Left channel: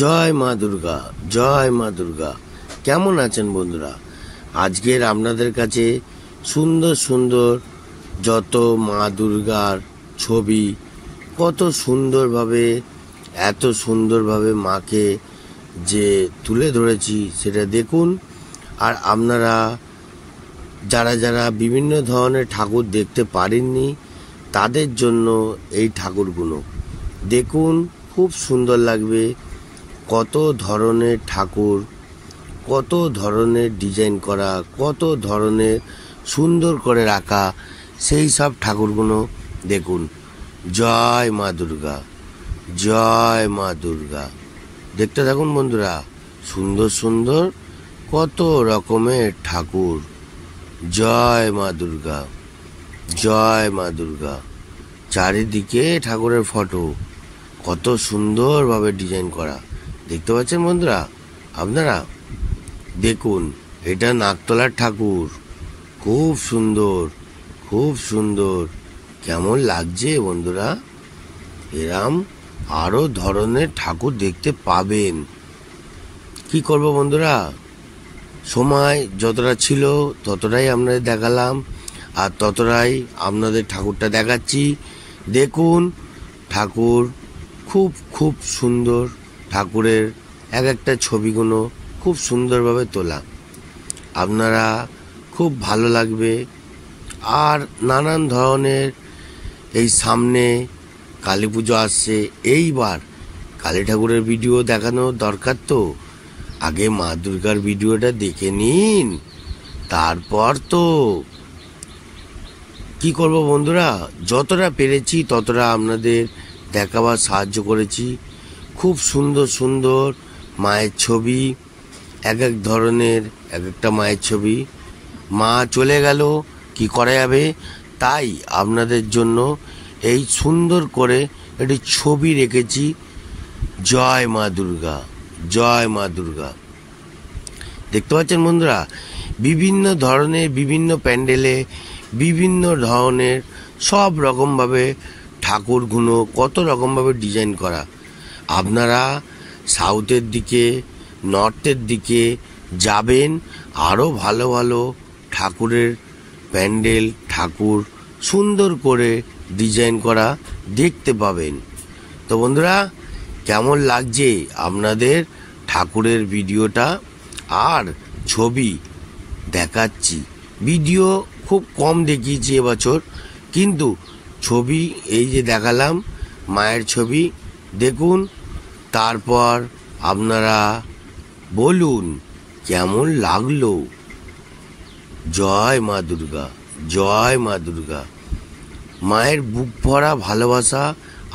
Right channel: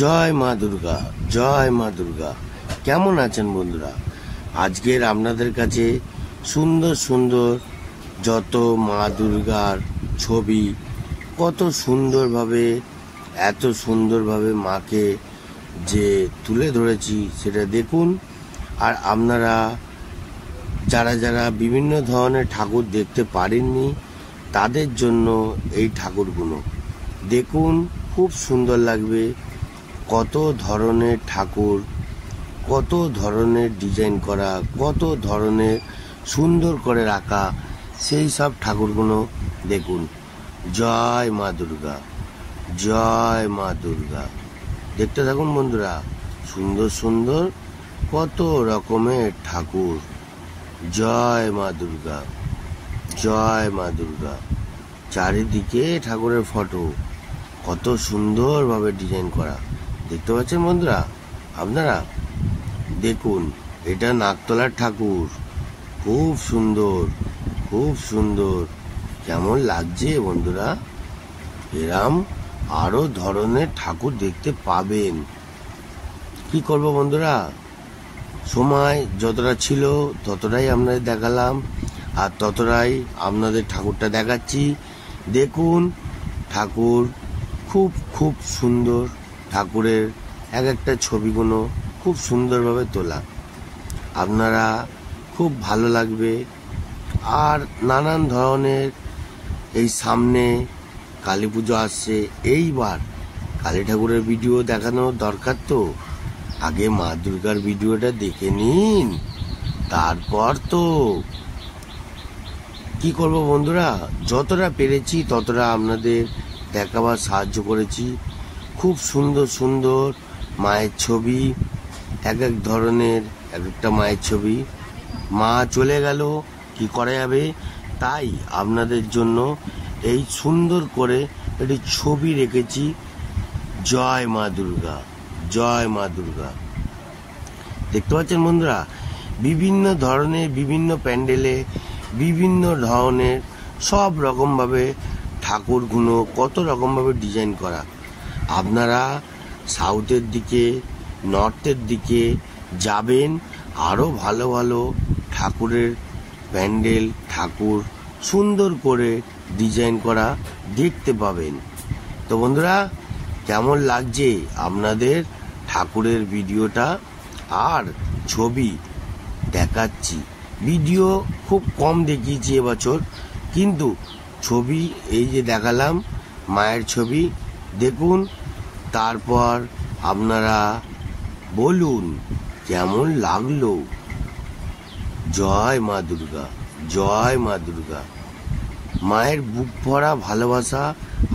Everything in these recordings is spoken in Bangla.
জয় মা দুর্গা, জয় মা দুর্গা। কেমন আছেন বন্ধুরা? আজকের আপনাদের কাছে সুন্দর সুন্দর যত মা দুর্গার ছবি, কত সুন্দরভাবে, এত সুন্দরভাবে মাকে যে তুলে ধরেছি সেটা দেখুন। আর আপনারা যারা যারা বিভিন্ন ধরনের ঠাকুর দেখতে পারেননি তাদের জন্য এই ঠাকুরগুলো দেখুন, খুব সুন্দর লাগবে। কত ধরনের ঠাকুর, কত ধরনের ডিজাইন করা, কত ধরনের সুন্দর করে রাখা, সেই সব ঠাকুরগুলো দেখুন। জয় মা দুর্গা, জয় মা দুর্গা। দেখতে থাকুন বন্ধুরা, সুন্দর সুন্দর কত রকমের ঠাকুর। জয় মা দুর্গা, জয় মা দুর্গা। চারিদিকে ঠাকুরের ফটো, কত সুন্দরভাবে ডিজাইন করা। দেখতে পাচ্ছেন বন্ধুরা আপনারা? দেখুন, এটা নাকতলার ঠাকুর, খুব সুন্দর, খুব সুন্দর। কেমন লাগছে বন্ধুরা? এরম আরো ধরনের ঠাকুর দেখতে পাবেন। কি করব বন্ধুরা, সময় যতটা ছিল ততটাই আপনাদের দেখালাম, আর ততটাই আপনাদের ঠাকুরটা দেখাচ্ছি। দেখুন, ঠাকুর খুব খুব সুন্দর। ঠাকুরের এক একটা ছবিগুলো খুব সুন্দরভাবে তোলা, আপনারা খুব ভালো লাগবে। আর নানান ধরনের, এই সামনে কালী পুজো আসছে, এইবার কালী ঠাকুরের ভিডিও দেখানো দরকার। তো আগে মা দুর্গার ভিডিওটা দেখে নিন, তারপর তো কি করব বন্ধুরা, যতটা পেরেছি ততটা আপনাদের দেখাবার সাহায্য করেছি। খুব সুন্দর সুন্দর মায়ের ছবি, এক এক ধরনের এক একটা মায়ের ছবি। মা চলে গেল, কি করা যাবে, তাই আপনাদের জন্য এই সুন্দর করে একটি ছবি রেখেছি। জয় মা দুর্গা, জয় মা দুর্গা। দেখতে পাচ্ছেন বন্ধুরা, বিভিন্ন ধরনের, বিভিন্ন প্যান্ডেলে বিভিন্ন ধরনের সব রকমভাবে ঠাকুরগুলো কত রকমভাবে ডিজাইন করা। আপনারা সাউথের দিকে, নর্থের দিকে যাবেন, আরও ভালো ভালো ঠাকুরের প্যান্ডেল, ঠাকুর সুন্দর করে ডিজাইন করা দেখতে পাবেন। তো বন্ধুরা, কেমন লাগছে আপনাদের ঠাকুরের ভিডিওটা আর ছবি দেখাচ্ছি? ভিডিও খুব কম দেখিয়েছি এবছর, কিন্তু ছবি এই যে দেখালাম মায়ের ছবি, দেখুন। তারপর আপনারা বলুন কেমন লাগলো। জয় মা দুর্গা, জয় মা দুর্গা। মায়ের বুক ভরা ভালোবাসা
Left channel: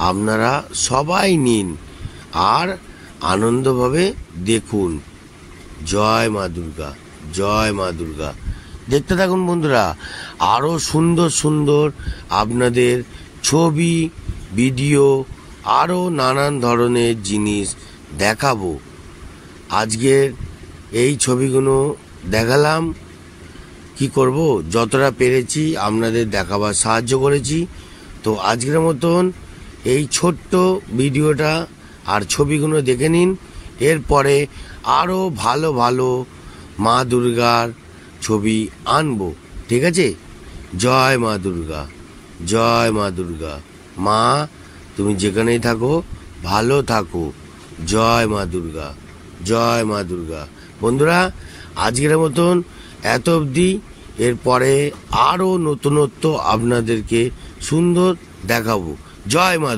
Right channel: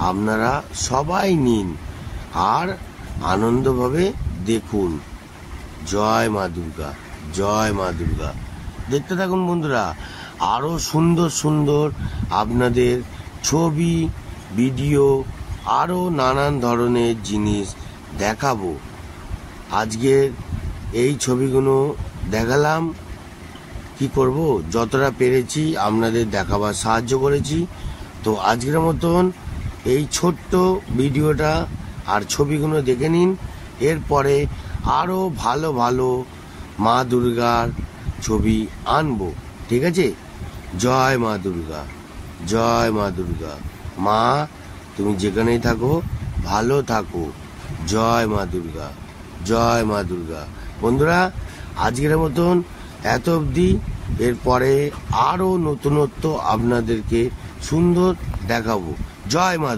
আপনারা সবাই নিন আর আনন্দভাবে দেখুন। জয় মা দুর্গা, জয় মা দুর্গা। দেখতে থাকুন বন্ধুরা, আরো সুন্দর সুন্দর আপনাদের ছবি, ভিডিও, আরো নানান ধরনের জিনিস দেখাবো। আজকের এই ছবিগুলো দেখালাম, কি করব, যতটা পেরেছি আপনাদের দেখাবার সাহায্য করেছি। তো আজকের মতন এই ছোট্ট ভিডিওটা আর ছবিগুলো দেখে নিন। এরপরে আরো ভালো ভালো মা দুর্গার ছবি আনবো, ঠিক আছে? জয় মা দুর্গা, জয় মা দুর্গা। মা তুমি যেখানেই থাকো ভালো থাকো। জয় মা দুর্গা, জয় মা দুর্গা। বন্ধুরা, আজকের মতন এত অবধি। এরপরে আরো নতুনত্ব আপনাদেরকে সুন্দর দেখাবো। জয় মা।